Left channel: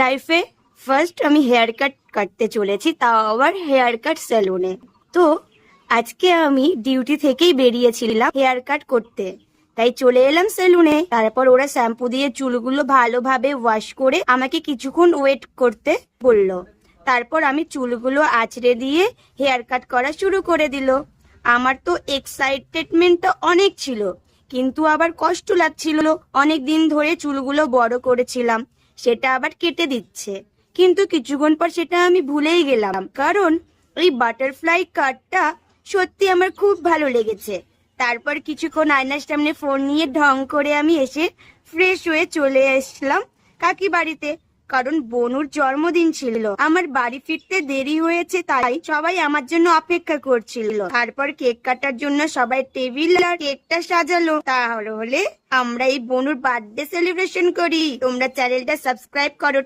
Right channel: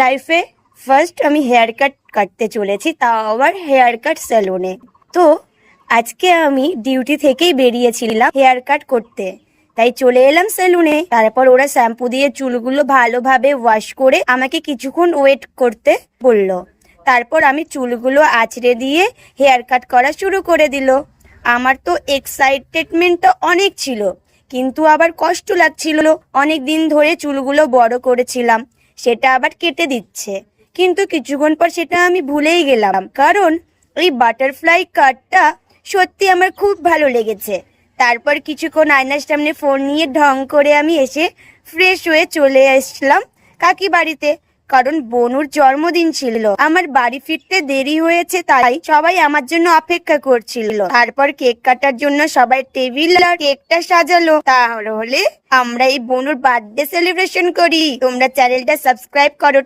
লাইফে ফার্স্ট আমি hair cut কাটতে চলেছি, তাও আবার হেয়ার কাট সেলুনে। তো আজকে আমি ডিউটি থেকেই বেরিয়েছিলাম হেয়ার কাট করতে, তাই চলে এলাম সেলুনে। তারপর ওরা শ্যাম্পু দিয়ে চুলগুলো ভালোভাবে ওয়াশ করে আমাকে কিছুক্ষণ ওয়েট করতে বললো। তারপর আমি চুলগুলো আঁচড়ে দিয়ে হেয়ার কাট করা শুরু করে দিল। আমার তো এক্সাইটেডমেন্টটা অনেক ছিল, কিন্তু আবার কষ্ট লাগছিল। অনেক দিন ধরে চুলগুলো বড় করেছিলাম, সেটা আবার কেটে দিচ্ছে। কিন্তু কিছুক্ষণ পর সেটা আমি ভুলেই গেলাম, কারণ ওই বাটারফ্লাই কাটটা সত্যি আমার খুব ভালো লেগেছে। তারপর কিছুক্ষণ আয়নার সামনে ফোন নিয়ে ঢং করে আমি এসে ফ্রেশ হয়ে চলে আসলাম কাকি বাড়িতে, কারণ বনুর জন্মদিন ছিল। আমার বাড়ি ফিরতে দেরি হয়েছে, তাই সবাই আমার জন্য অপেক্ষা করছিল। তারপর কেক কাটার জন্য সবাই টেবিল আর কেকটা সাজালো। তাহলে আমরা এই বনুর বার্থডে সেলিব্রেশন করি। তোমরা চ্যানেলটা সাবস্ক্রাইব করো।